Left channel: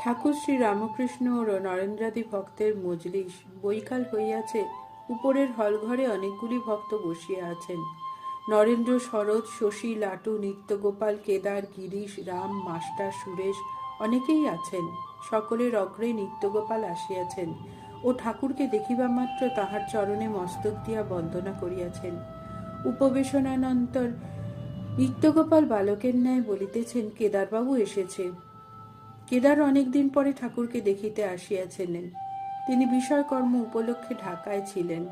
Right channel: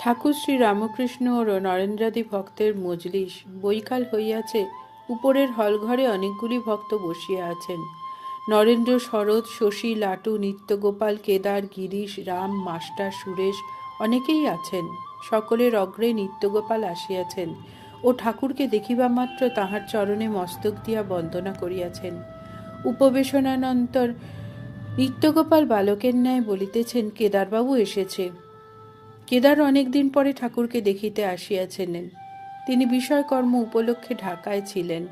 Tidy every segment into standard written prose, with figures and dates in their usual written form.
ঠাকুর শ্রী রামকৃষ্ণ ও নরেন্দ্রাদি ভক্তের মজলিস বৈকাল হইয়াছে। উপরের হলঘরে অনেকগুলি ভক্ত বসিয়া আছেন। নরেন্দ্র, শরৎ, শশী, লাটু, নিত্যগোপাল, কেদার, গিরিশ, রাম, মাস্টার, সুরেশ অনেকেই আছেন। সকলের অগ্রে নিত্যগোপাল আসিয়াছেন ও ঠাকুরকে দেখিবা মাত্র তাহার চরণে মস্তক দিয়া বন্দনা করিয়াছেন। উপবেশনানন্তর নিত্যগোপাল বালকের ন্যায় বলিতেছেন, কেদারবাবু এসেছে। কেদার অনেকদিন পরে ঠাকুরকে দেখিতে আসিয়াছিলেন। তিনি বিষয়কর্ম উপলক্ষে ঢাকায় ছিলেন।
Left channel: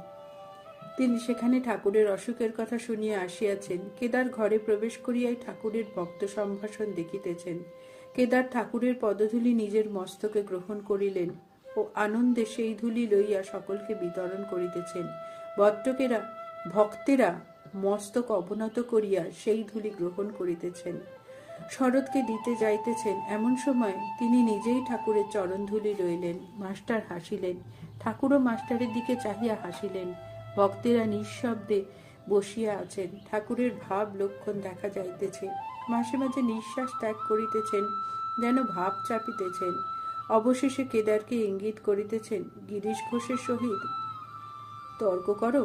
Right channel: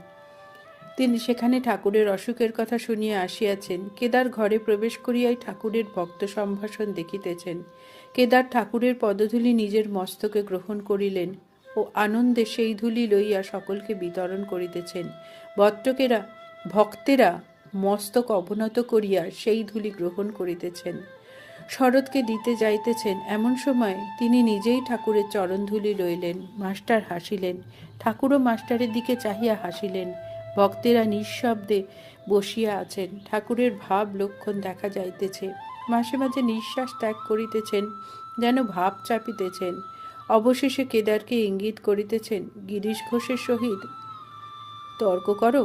তিনি সেখানে ঠাকুরের অসুখের কথা শুনিয়া আসিয়াছেন। কেদার ঘরে প্রবেশ করিয়াই ঠাকুরের ভক্ত সম্ভাষণ দেখিতেছেন। কেদার ঠাকুরের পদধূলি নিজের মস্তকে গ্রহণ করিলেন ও আনন্দে সেই ধূলি লইয়া সকলকে বিতরণ করিতেছেন। ভক্তেরা মস্তক অবনত করিয়া সেই ধূলি গ্রহণ করিতেছেন, শরৎকে দিতে যাইতেছেন। এমন সময় তিনি নিজেই ঠাকুরের চরণধূলি লইলেন। মাস্টার হাসিলেন। ঠাকুরও মাস্টারের দিকে চাহিয়া হাসিলেন। ভক্তেরা নিঃশব্দে বসিয়া আছেন। ঠাকুরের ভাব লক্ষণ দেখা যাইতেছে। মাঝে মাঝে নিঃশ্বাস ত্যাগ করিতেছেন, যেন ভাব চাপিতেছেন। অবশেষে কেদারকে ইঙ্গিত করিতেছেন, গিরিশ ঘোষের সহিত তর্ক করো।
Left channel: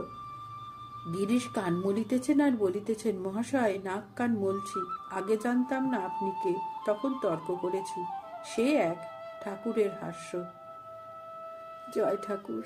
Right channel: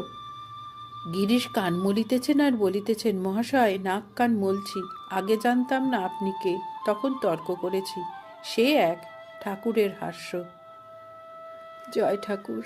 গিরিশ কান মলিতেছেন আর বলিতেছেন, মহাশয়, নাক কান মলছি, আগে জানতাম না আপনি কে, তখন তর্ক করেছি। সে এক। ঠাকুরের হাস্য। জয় ঠাকুর।